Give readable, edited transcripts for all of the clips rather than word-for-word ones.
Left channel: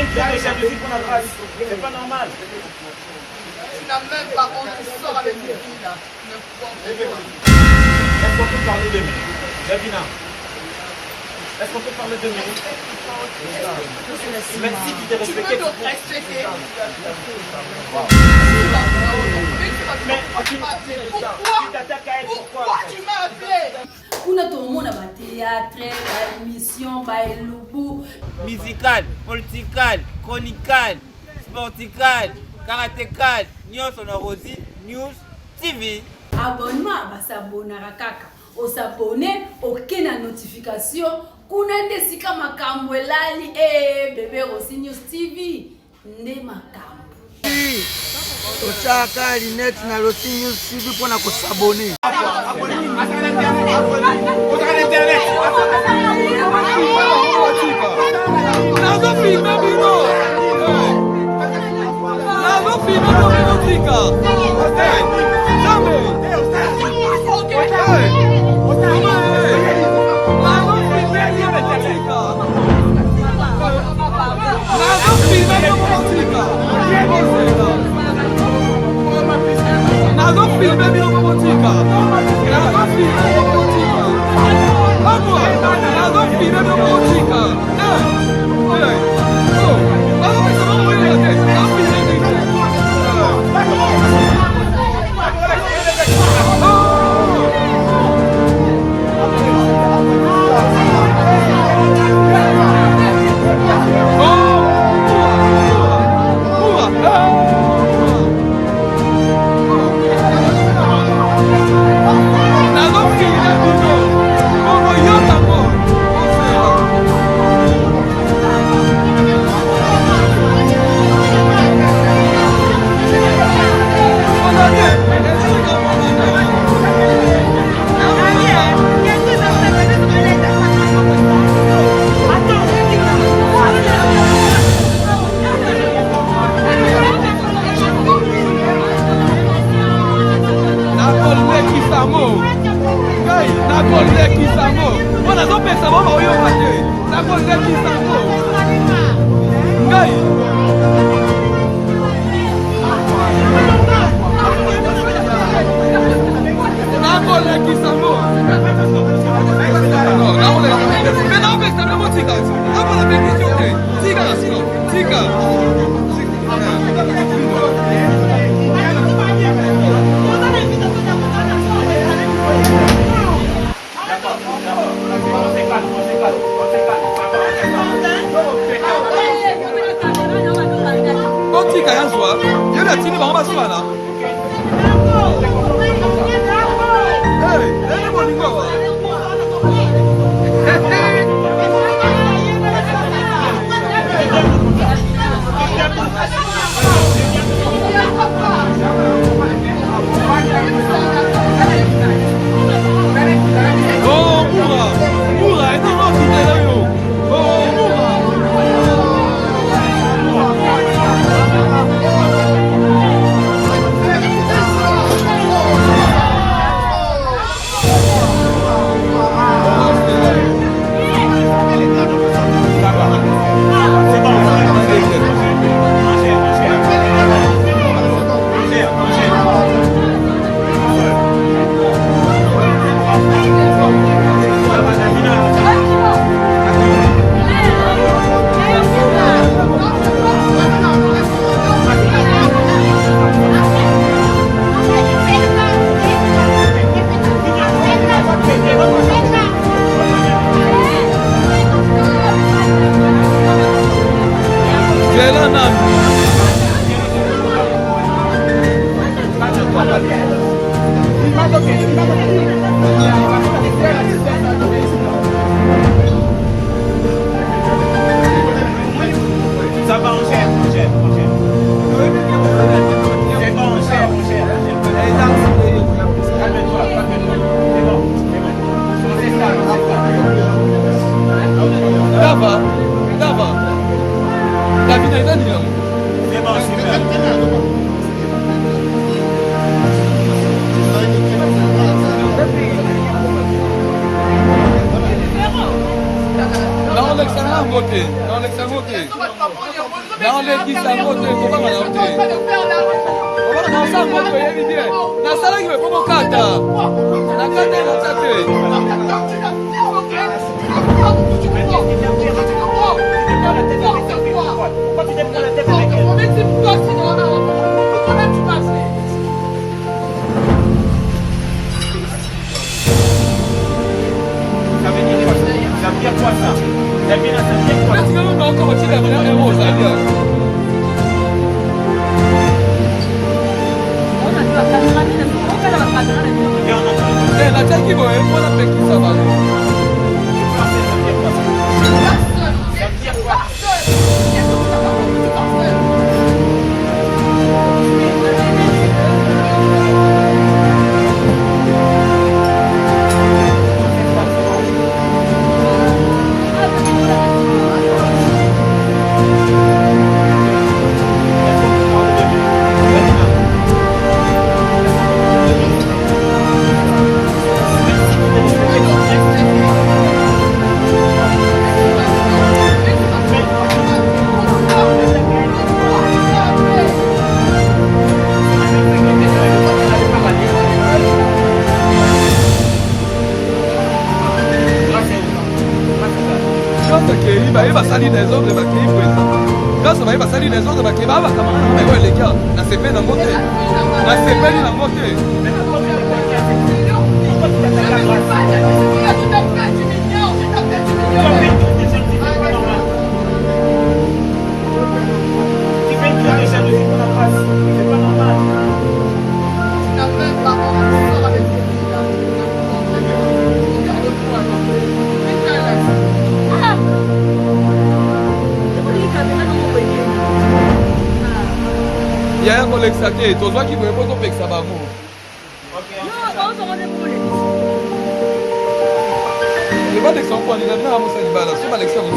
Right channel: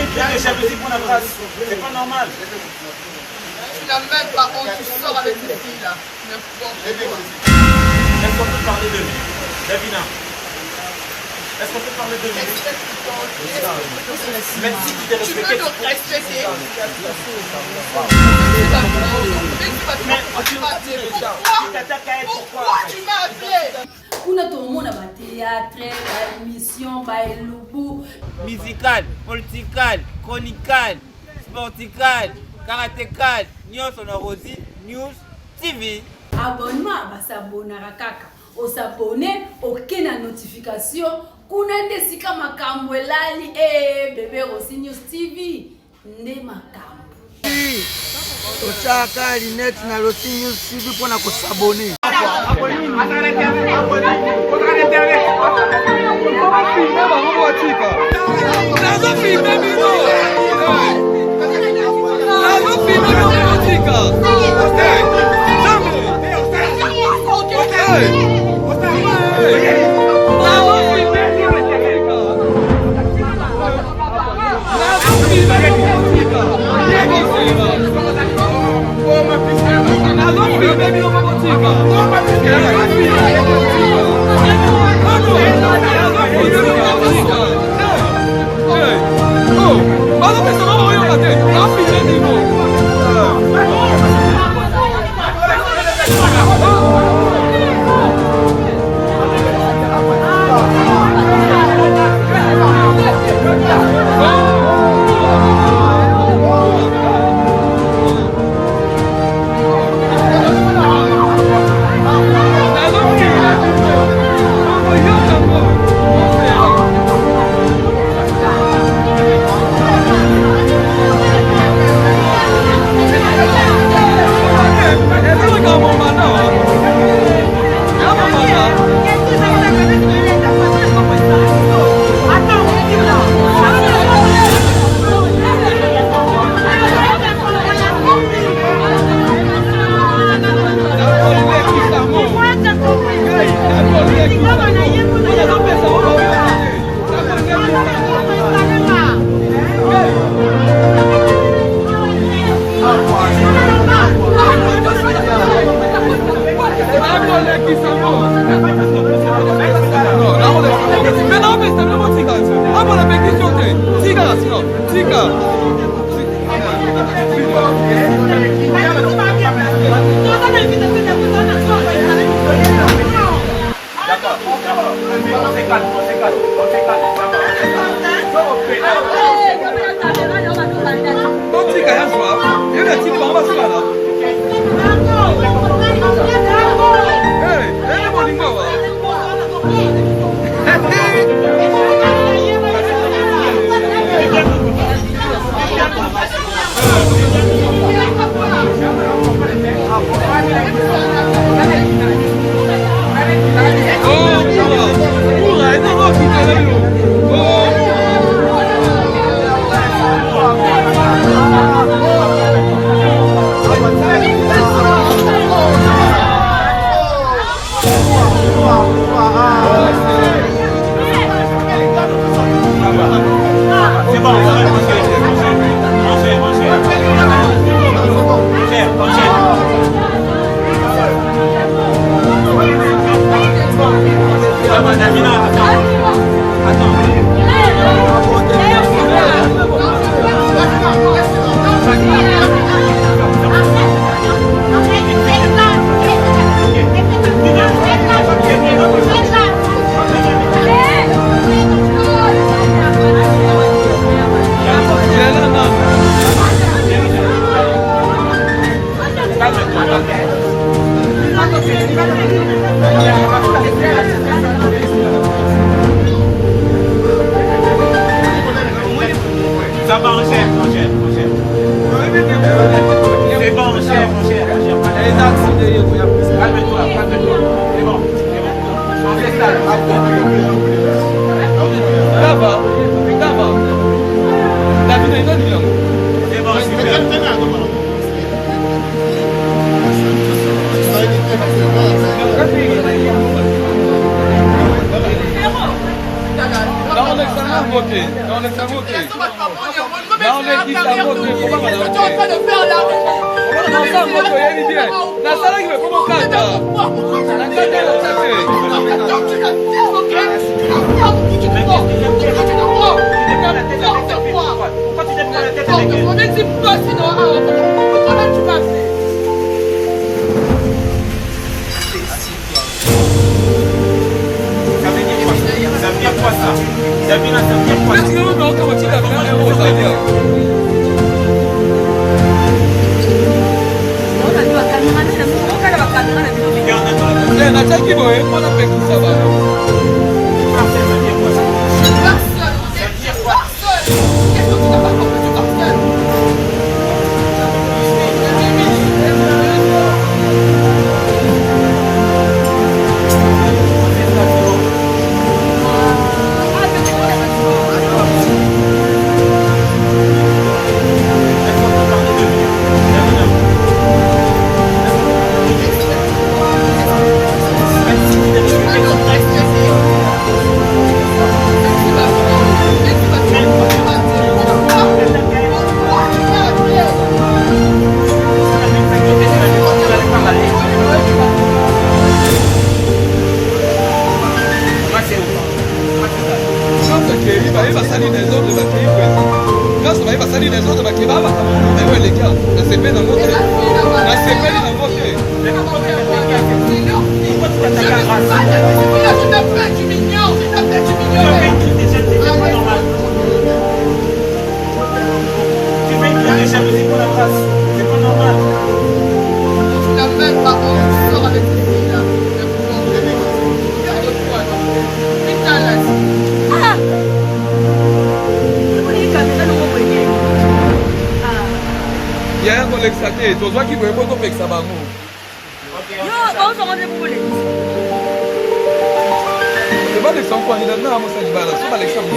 une crise de jalousie pour la grâce. C'est pas normal. Tu n'as même pas honte, tu sors avec cette fille-là. Est-ce qu'on peut parler de lui? Davina. Est-ce qu'on peut parler de lui? Même si tu t'es respecté. Tu veux te respecter. Mais pourquoi tu m'as appelé? Kuna tomona ba théâtre, ba émission, ba elubu. Musical, political, chronical, sportical, karatécal, news on Rosie, News TV. Abonnement ba s'abonnera kaka. O s'abonner, OK na notification. Kuna ndesika makambo elali bébé Rosie News TV. Nde makambo. Tochaka Linet na Rosie News TV pour na ko s'abonner. Ça va, on gère. C'est bon, on gère. Calme-toi. C'est bon. On fait ça. Dava. David est là, C'est bon, super. Non, Alexandre, voté. Alexandre Moté. Ils sont pas bons, ils ont Non, mais qui ça Moté, pourquoi Ils sont en train de faire la rue. Non, ça Moté, il est bien. La salle qui veut pas mon kata. La kata est là, Pourquoi tu déprends la tête avec elle? On est type toi, sinon, comment tu vas faire? Ça veut dire quoi ça? Davina, ça veut dire quoi? est-ce que nous avons encore tiré un héros, ça veut dire? Eh, na chaki boy, on a fait ça va. Il va salir des autres de ma clinique. Grâce à va salir des autres de ma clinique. Va les gars, la CP dans mon côté. La CP dans mon côté. Tu fais une crise de jalousie pour la face. C'est pas normal. Tu n'as même pas honte, tu sors avec tes filles là. Regarde-toi, non? Putain, là. Il y a un collègue saté, tu vois qui veut pas tomber ça va mou. C'est pas des gens qui ont dit non, moi ça dit balance, c'est pas l'exemple de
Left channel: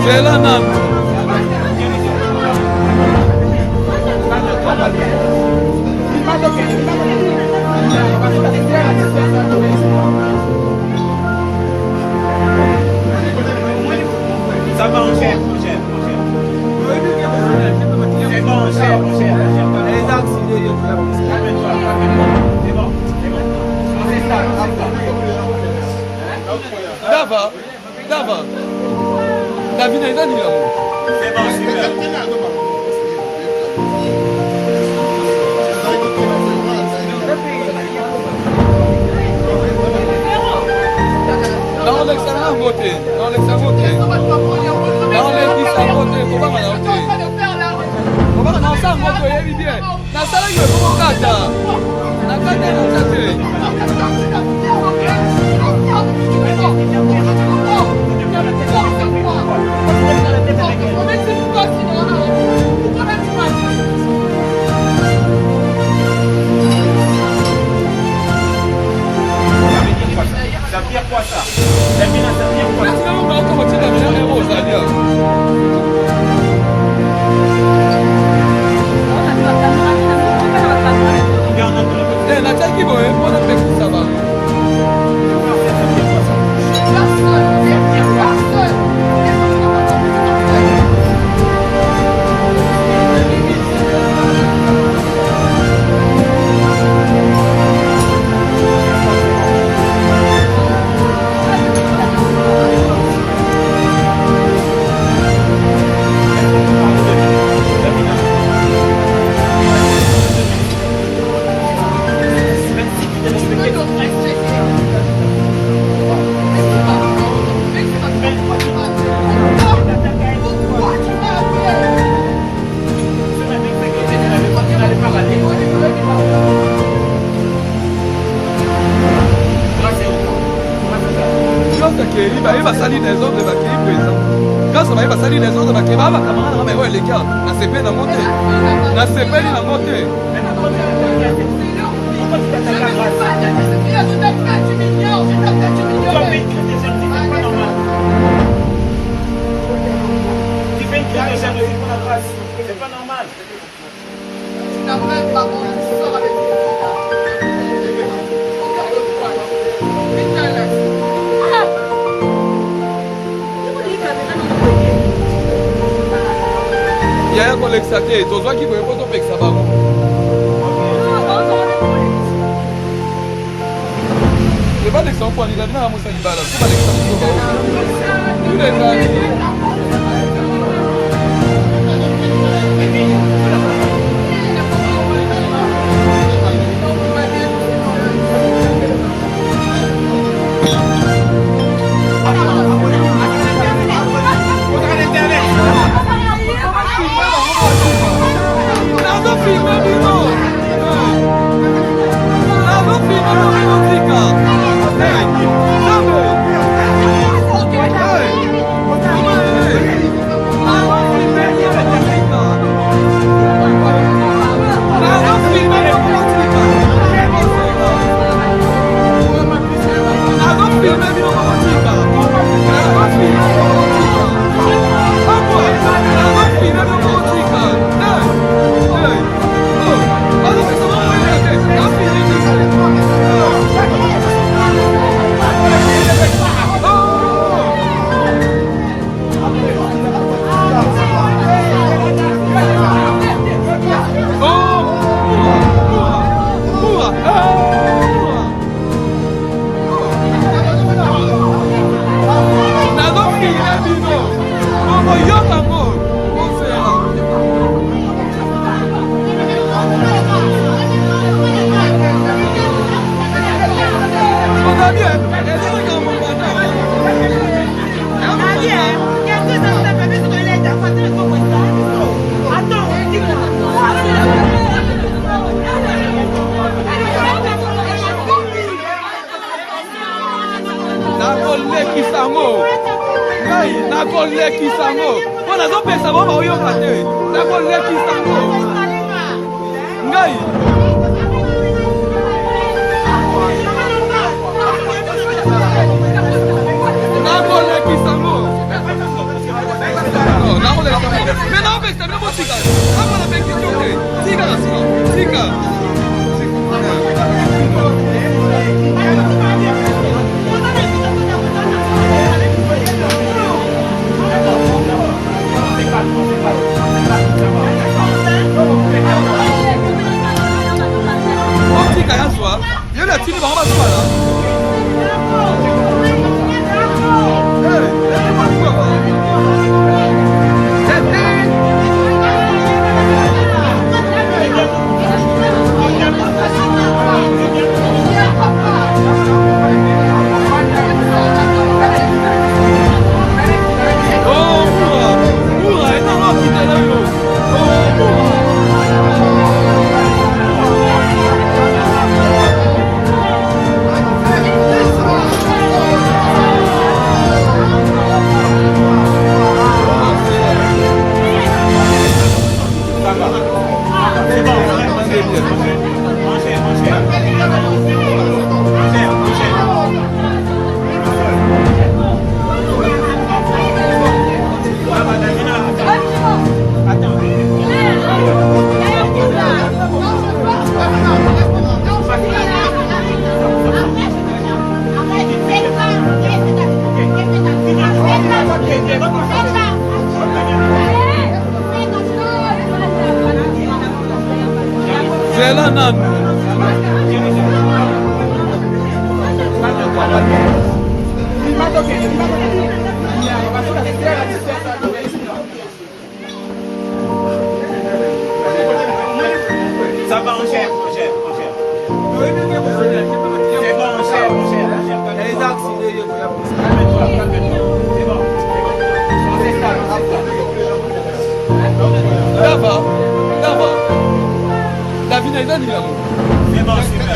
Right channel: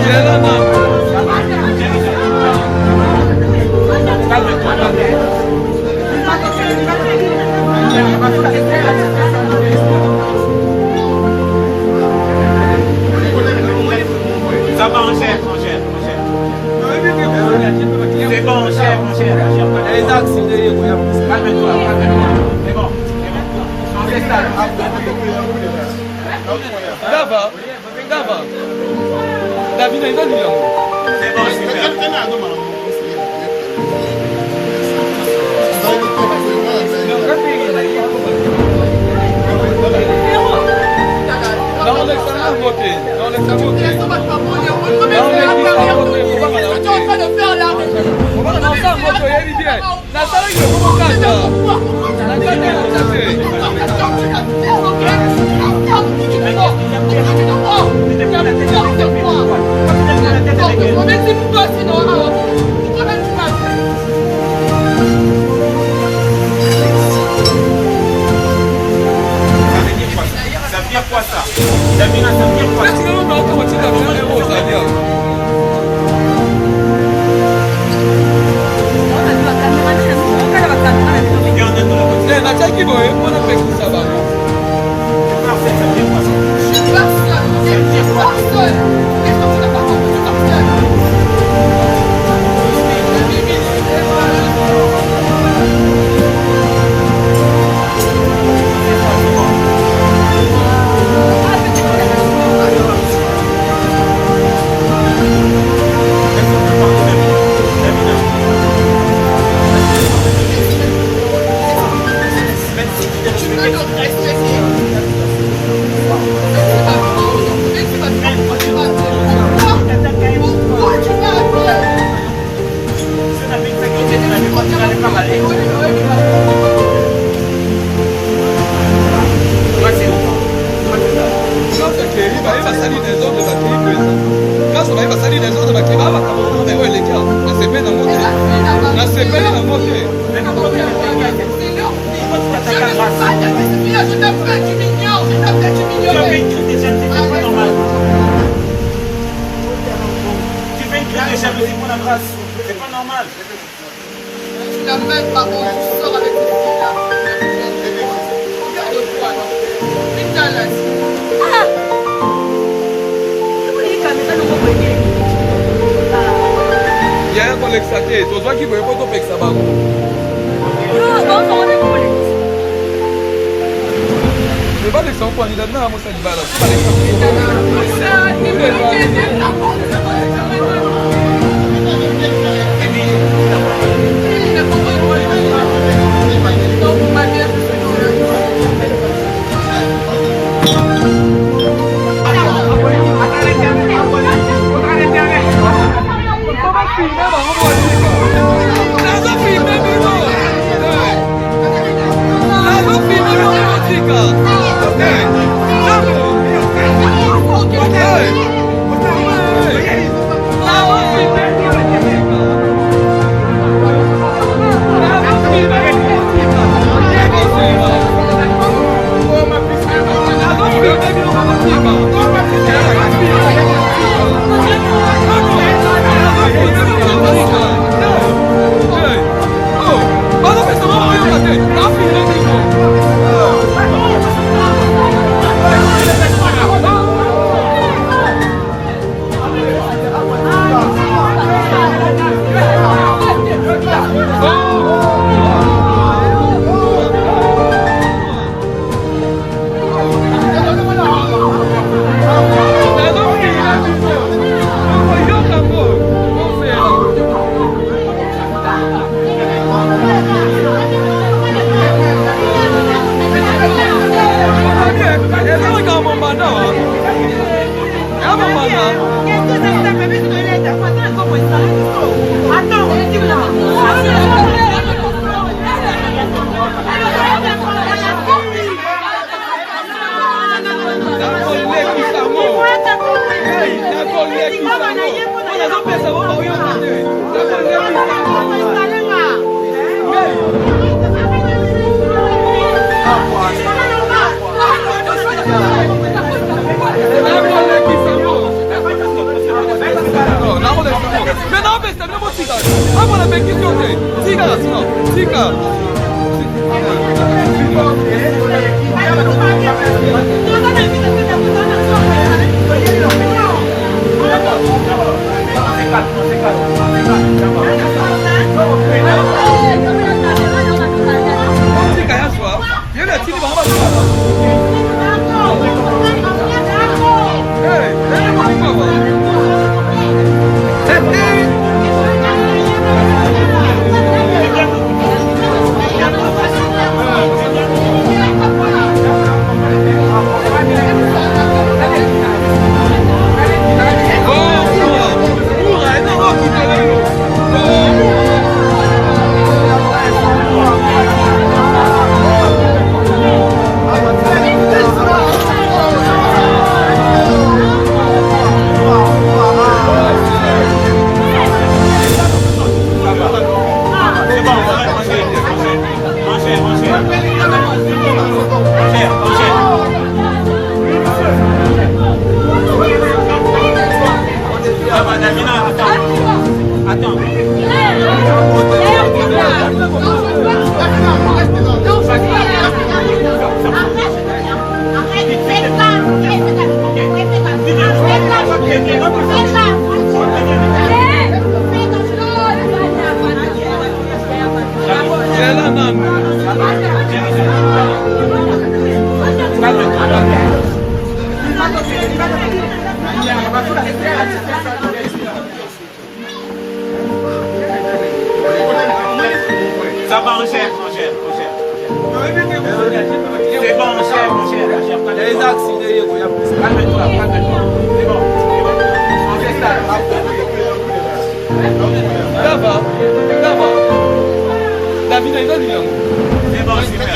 C'est la main. Ça va, mon cher. C'est bon, mon cher. Les axes, Calme-toi. C'est bon. On s'installe. Dava. David n'est pas dit là. C'est bon, super. Dans l'examen voté. Ça veut dire quoi ça? Davina, ça veut dire quoi ça? C'est pas normal. Tu n'as même pas honte, tu sors avec cette fille-là. Regarde-toi là. Putain là. Yaya kolekisa te tozwaki boye po topekisa bango ebalekisa mpoanila bina na mosani bala so balekisa estamina motika. Hapo na benki yote. Tika. Tika yaswa. Yule chini baba sana. Hey, baba. Ça va, mon cher. C'est bon, mon cher. Les axes, calme-toi. C'est bon. On fait ça. David, il a dit là. C'est bon, super.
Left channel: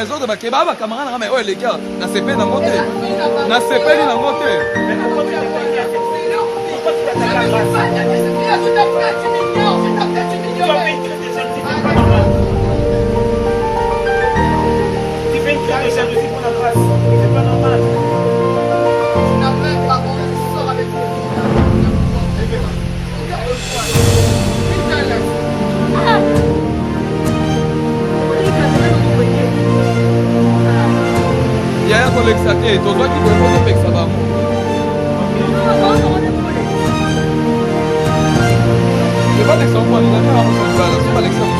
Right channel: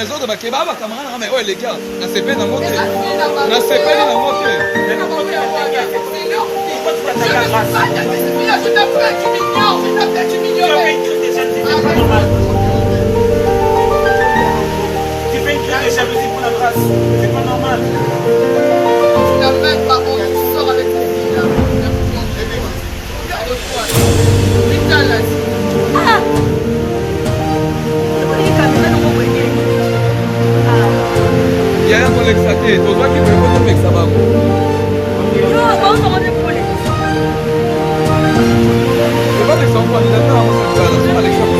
les autres bakeba camarades mais ouais les gars na CP na moté na CP na moté Tu fais une crise de jalousie pour la grâce, c'est pas normal. Tu n'as même pas honte, tu sors avec tes filles là. Regarde-toi. Putain là. Il y a un collègue saté, tu vois qu'il peut pas avec ça va. C'est pas l'exemple, on est d'accord, on est pas l'exemple.